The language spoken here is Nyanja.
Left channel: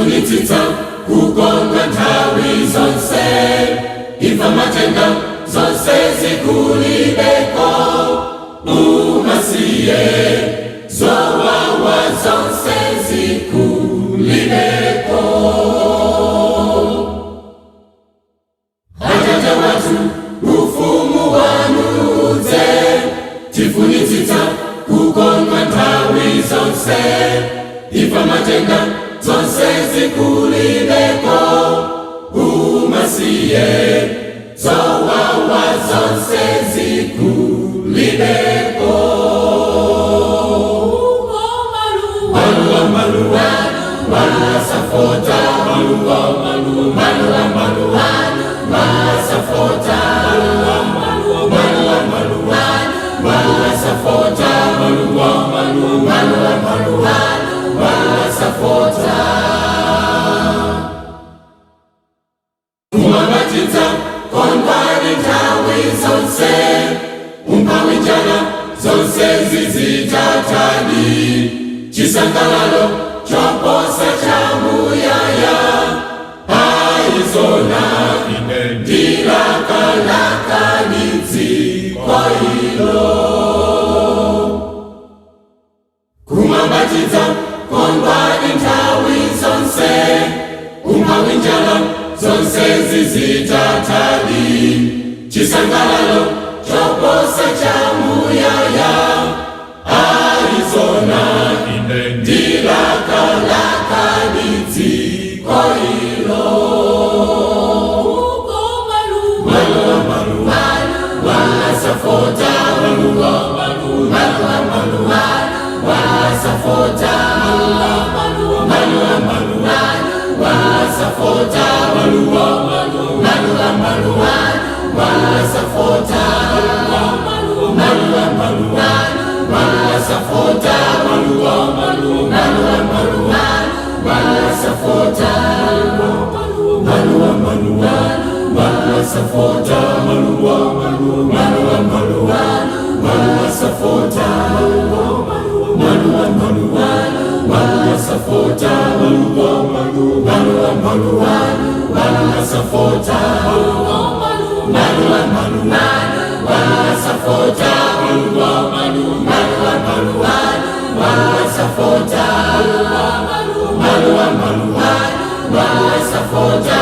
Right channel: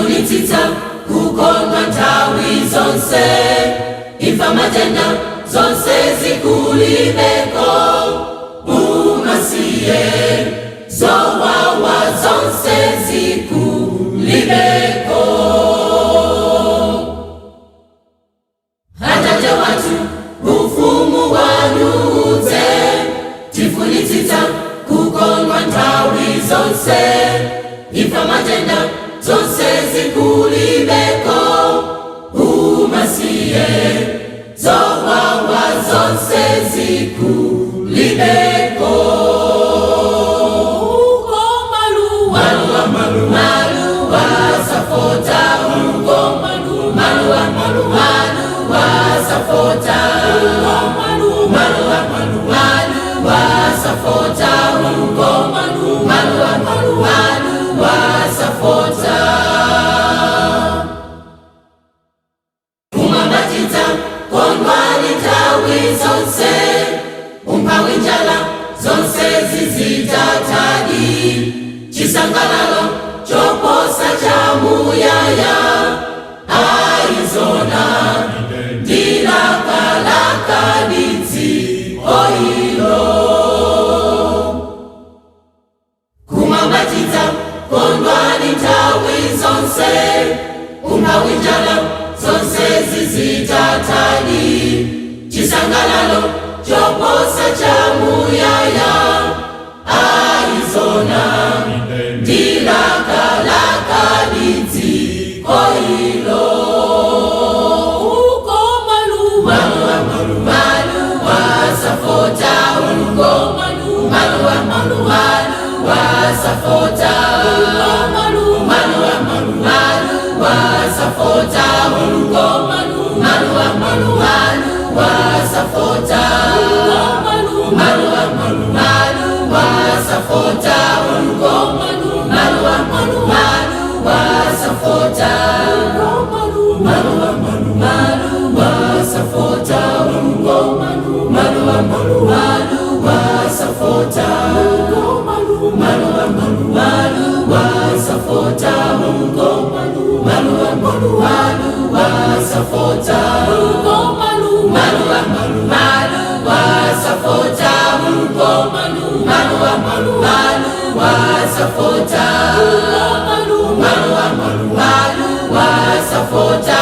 tifunitsitsa kukondwa nthawi zonse, imfa matenda zonse zikulibeko, umasiye zowawa zonse zikulibeko. Atate watu ufumu wanu udze, tifunitsitsa kukondwa nthawi zonse, imfa matenda zonse zikulibeko, umasiye zowawa zonse zikulibeko. Maluwa safota uko, maluwa safota, maluwa safota uko, maluwa safota. Umambatidza kondwani nthawi zonse, umphawi njala zonse zizitatadi, chisangalalo choposa chamuyaya, arizona ndilakalaka dziko ilo. Kumambatidza kondwani nthawi zonse, umphawi njala zonse zizitatadi, chisangalalo choposa chamuyaya, arizona ndilakalaka dziko ilo. Maluwa safota uko, maluwa safota, maluwa safota uko, maluwa safota, maluwa safota uko, maluwa safota, maluwa safota uko, maluwa safota, maluwa safota uko, maluwa safota, maluwa safota uko, maluwa safota, maluwa safota.